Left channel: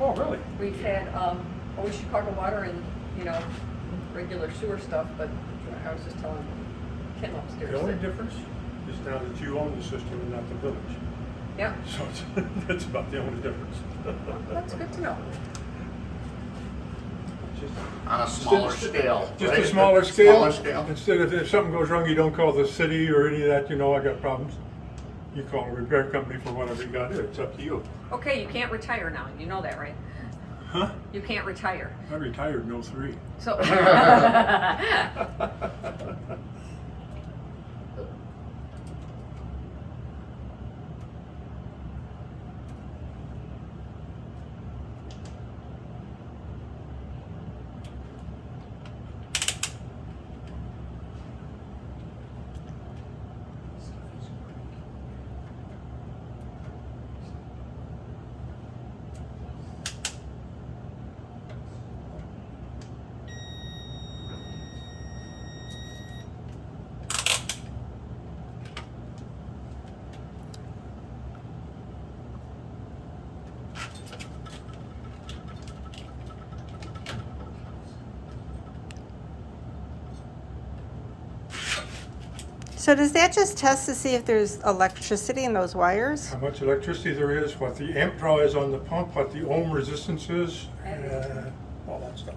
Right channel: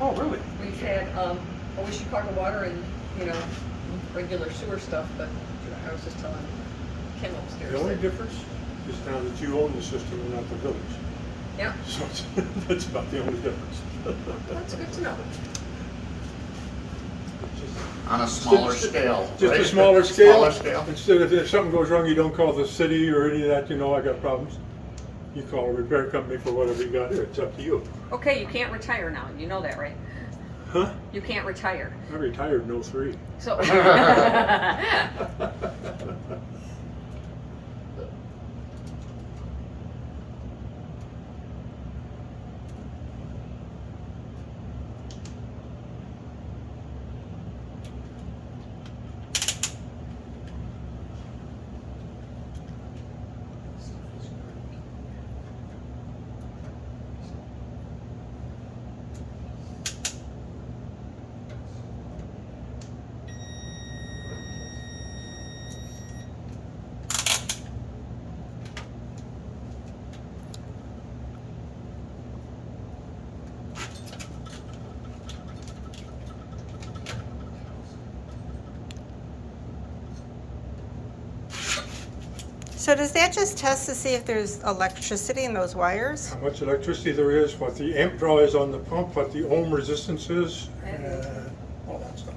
Oh, really? We've had, always Chicago water and, regular sewer stuff, but I was just telling Kim upstairs. The only that- difference is now that you own the system and not the village. Yeah, So that's about the only difference. that's good to know. On a smaller scale. Just a right? smaller scale. Smaller scale. Instead of, if something goes wrong, you don't call the city or any of that, I got problems. You call a repair company for whatever you got to do. It's up to you. Okay, you can't retire now, you know that, right? Huh? You can't retire. I retired in 03. So. So does that just test to see if there's electricity in those wires? How much electricity there is, what the amp draw is on the pump, what the ohm resistance is, all that stuff.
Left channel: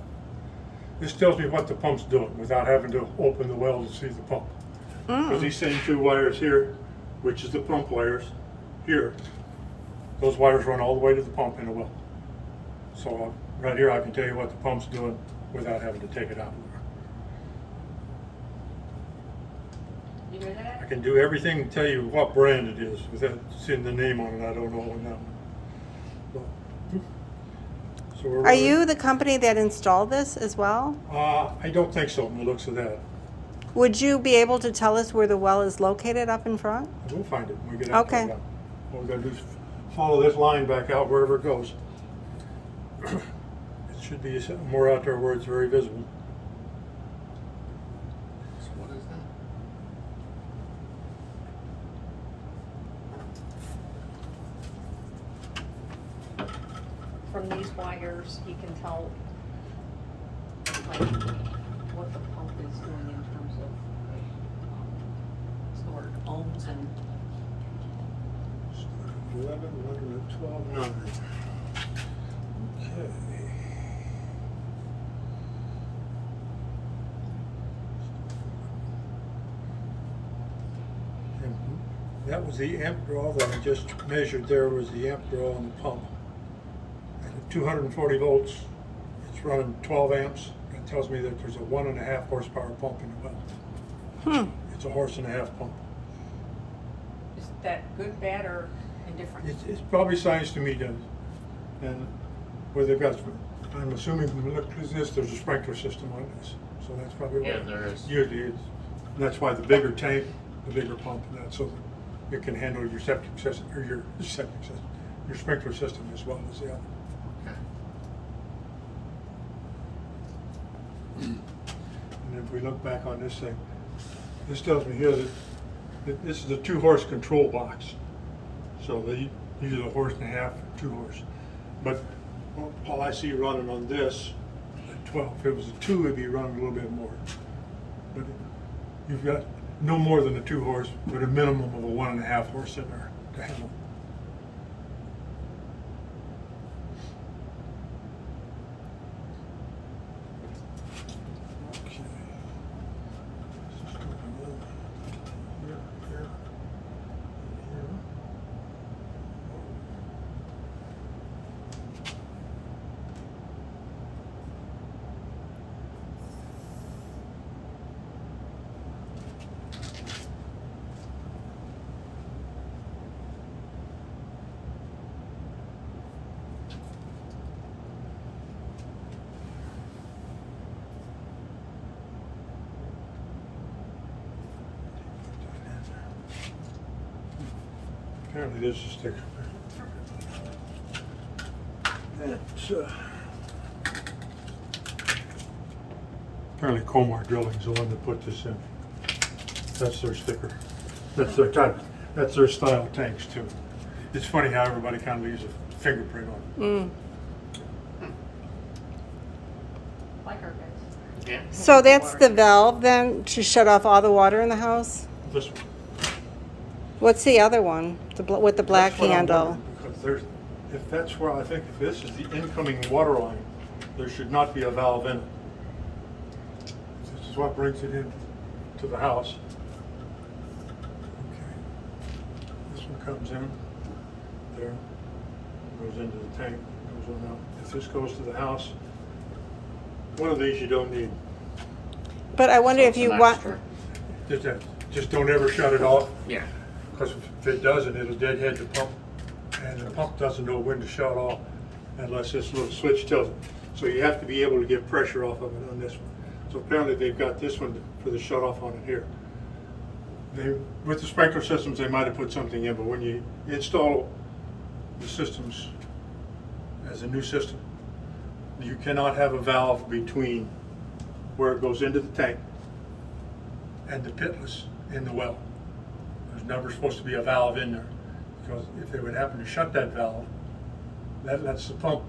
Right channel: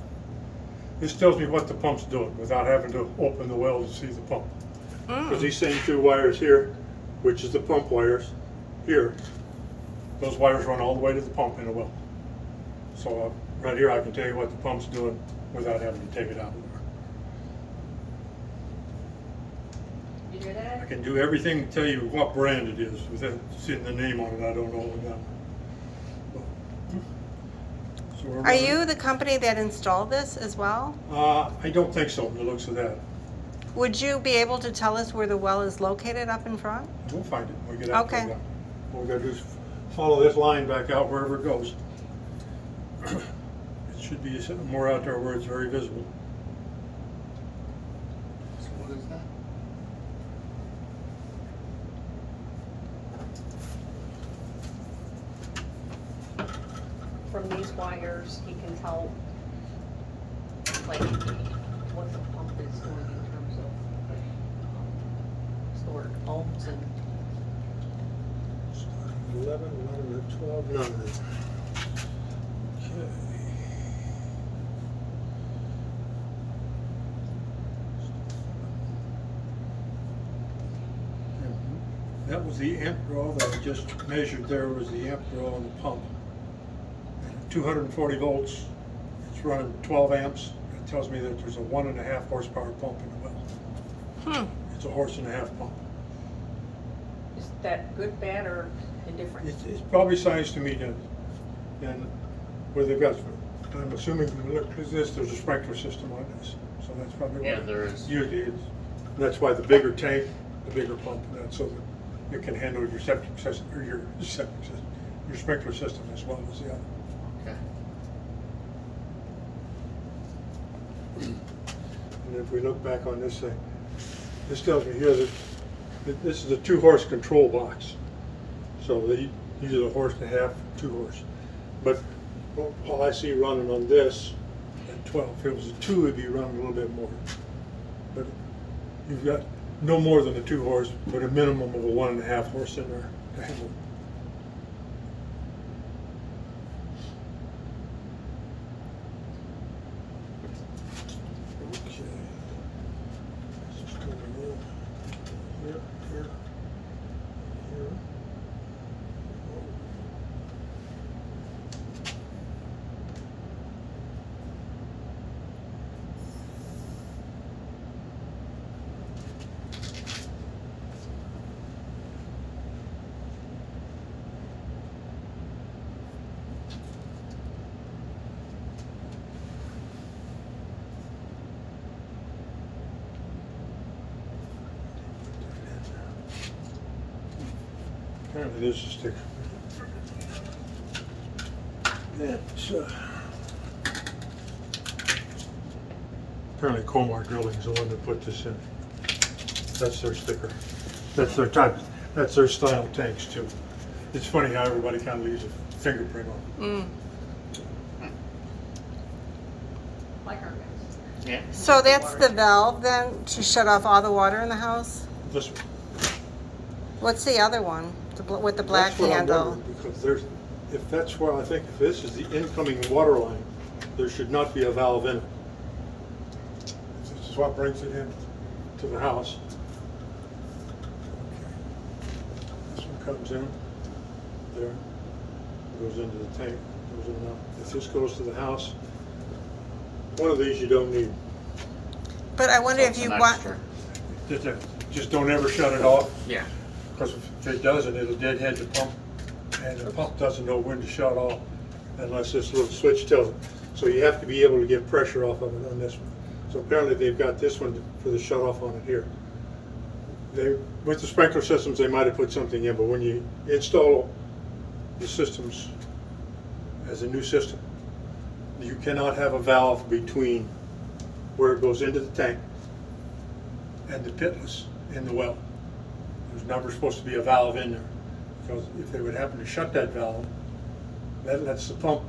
This tells me what the pump's doing without having to open the well to see the pump. Because these same two wires here, which is the pump wires, here, those wires run all the way to the pump in the well. So right here I can tell you what the pump's doing without having to take it out. You do I that? can do everything and tell you what brand it is without seeing the name on it. I don't know what that. So we're Are you the company that installed this as well? I don't think so. From the looks of that, Would you be able to tell us where the well is located up in front? we'll find it when we get out Okay. there. All we gotta do is follow this line back out wherever it goes. It should be more out there where it's very visible. So what is that? From these wires, he can tell, like, what the pump is doing in terms of, like, stored ohms and. 11, 11, 12, 9. Okay. And that was the amp draw that I just measured there, was the amp draw on the pump. And at 240 volts, it's running 12 amps. It tells me that there's a 1.5 horsepower pump in the well. It's a 1.5 horse pump. Is that good, bad, or indifferent? It's probably sized to meet it. And where they've got, I'm assuming when you look at this, there's a sprinkler system on this. So that's probably Yeah, what there is. usually is. And that's why the bigger tank, the bigger pump, and that, so that you can handle your septic system, or your septic system, your sprinkler system as well as the other. Okay. And if we look back on this thing, this tells me here that this is a 2-horse control box. So they use a 1.5 horse, 2 horse. But all I see running on this at 12, if it was a 2, it'd be running a little bit more. But you've got no more than a 2 horse, but a minimum of a 1.5 horse in there to handle. Okay. This is coming in. Here, here, here. Oh. Apparently this is sticker. That's, apparently Comar Drilling's the one that put this in. That's their sticker. That's their type, that's their style of tanks too. It's funny how everybody kind of leaves a fingerprint on it. Yeah. So that's the valve then to shut off all the water in the house? This one. What's the other one? With the black That's what I'm handle? wondering, because there's, if that's where, I think if this is the incoming water line, there should not be a valve in it. This is what brings it in to the house. This one comes in, there, goes into the tank, goes on out. If this goes to the house, one of these you don't need. But I wonder So if it's you an want, extra. Just don't ever shut it off, Yeah. because if it doesn't, it'll deadhead the pump. And the pump doesn't know when to shut off unless this little switch tells it. So you have to be able to get pressure off of it on this one. So apparently they've got this one for the shut off on it here. With the sprinkler systems, they might have put something in, but when you install the systems as a new system, you cannot have a valve between where it goes into the tank and the pitless in the well. There's never supposed to be a valve in there, because if they would happen to shut that valve, that lets the pump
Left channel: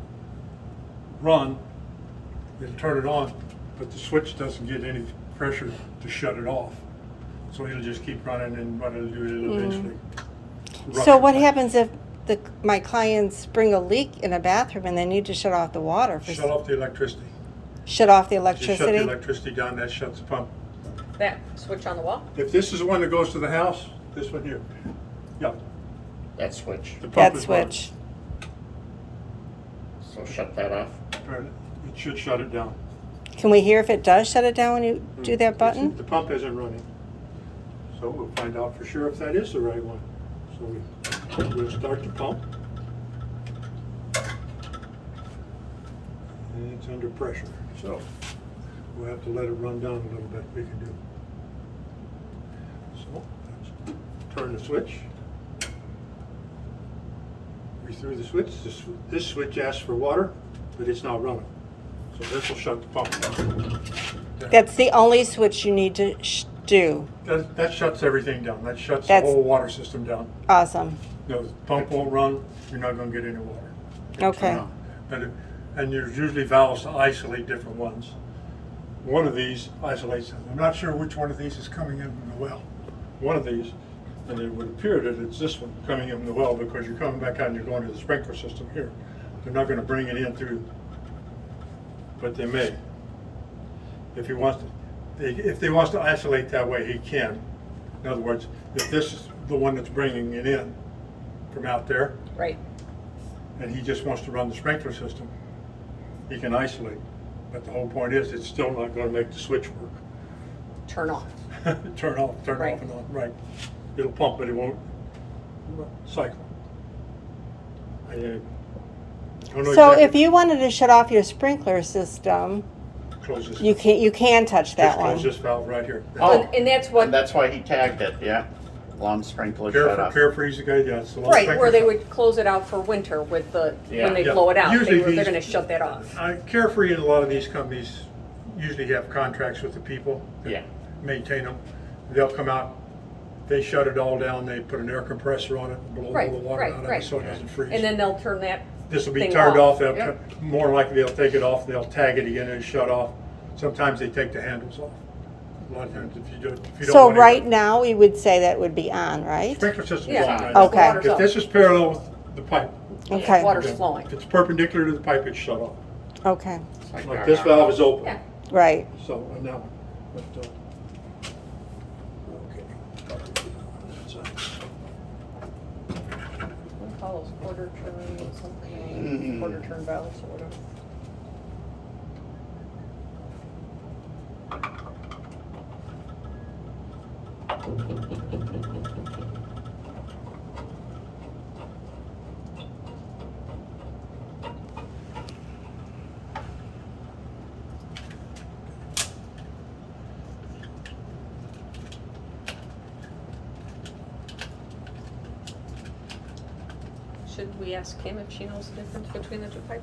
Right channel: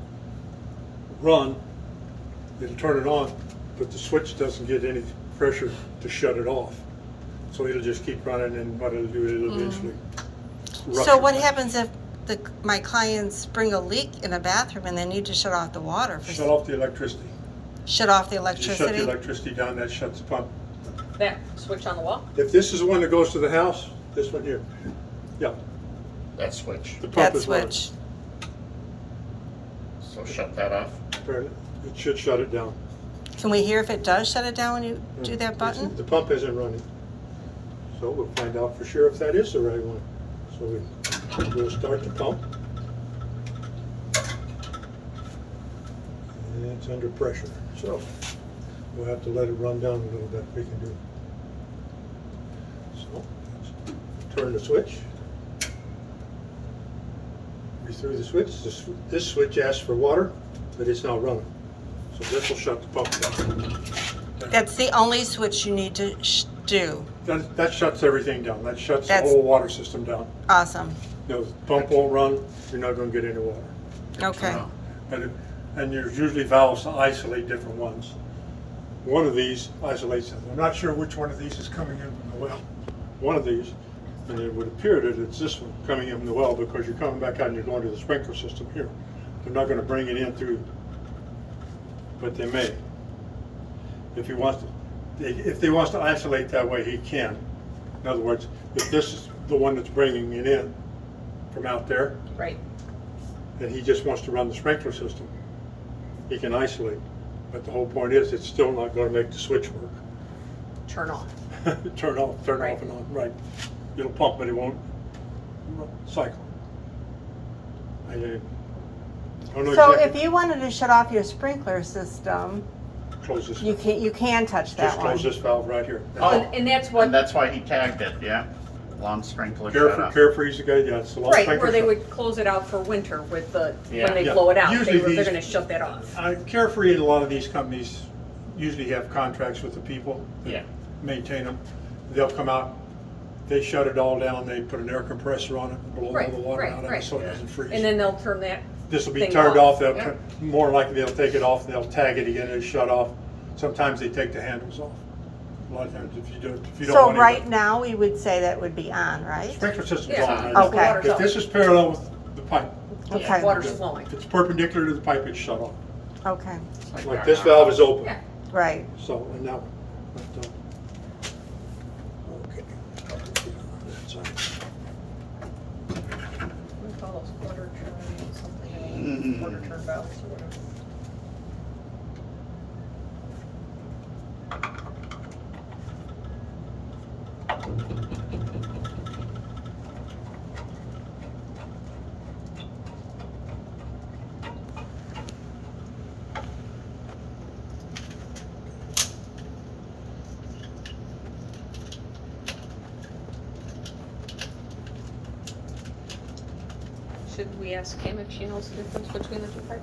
run, it'll turn it on, but the switch doesn't get any pressure to shut it off. So it'll just keep running, and what it'll do, it'll eventually so rupture. what happens if my clients bring a leak in a bathroom and they need to shut off the water? Shut off the electricity. Shut off the You shut the electricity? electricity down, that shuts the pump. That switch on the wall? If this is the one that goes to the house, this one here, yeah, That switch. the pump That is running. switch. So shut that off. It should shut it down. Can we hear if it does shut it down when you do that button? The pump isn't running. So we'll find out for sure if that is the right one. So we'll start the pump. And it's under pressure, so we'll have to let it run down a little bit, we can do. So, let's turn the switch. We threw the switch, this switch asks for water, but it's not running. So this will shut the pump down. That's the only switch you need to do. That shuts everything down, that shuts the That's- whole water system down. Awesome. No, the pump won't run, you're not gonna get any water. Okay. And there's usually valves to isolate different ones. One of these isolates, I'm not sure which one of these is coming in from the well. One of these, and it would appear that it's this one coming in from the well, because you're coming back out and you're going to the sprinkler system here. They're not gonna bring it in through, but they may. If he wants to isolate that way, he can. In other words, if this is the one that's bringing it in from out there, Right. and he just wants to run the sprinkler system, he can isolate. But the whole point is, it's still not gonna make the switch work. Turn off. Turn off Right. and on, right. It'll pump, but it won't cycle. I don't know So exactly. if you wanted to shut off your sprinkler system, Close this. you can touch that Just close one. this valve right here. Oh, And that's what, and that's why he tagged it, yeah. Lawn sprinkler shut off. Carefree's the guy, yeah, it's the long right, sprinkler where they system. would close it out for winter with the, Yeah. when they Yeah. blow it out, Usually they're these- gonna shut that off. Carefree and a lot of these companies usually have contracts with the people that Yeah. maintain them. They'll come out, they shut it all down, they put an air compressor on it, and blow Right, all the water right, out of it right. so it doesn't freeze. And then they'll turn that This will be thing turned off. off, they'll, Yeah. more than likely they'll take it off, and they'll tag it again and it's shut off. Sometimes they take the handles off. A lot of times if you don't So want it- right now, we would say that would be on, right? Sprinkler system's Yeah, on. because right? the Okay. water's If up. this is parallel with the pipe, Okay. Water's okay, flowing. if it's perpendicular to the pipe, it's shut off. Okay, It's Like this valve is open. Yeah. right. So, and that one, but, okay. That's all right. What do we call those, quarter turn, something, Mhm. quarter turn valves or whatever? Should we ask Kim if she knows the difference between the two pipes?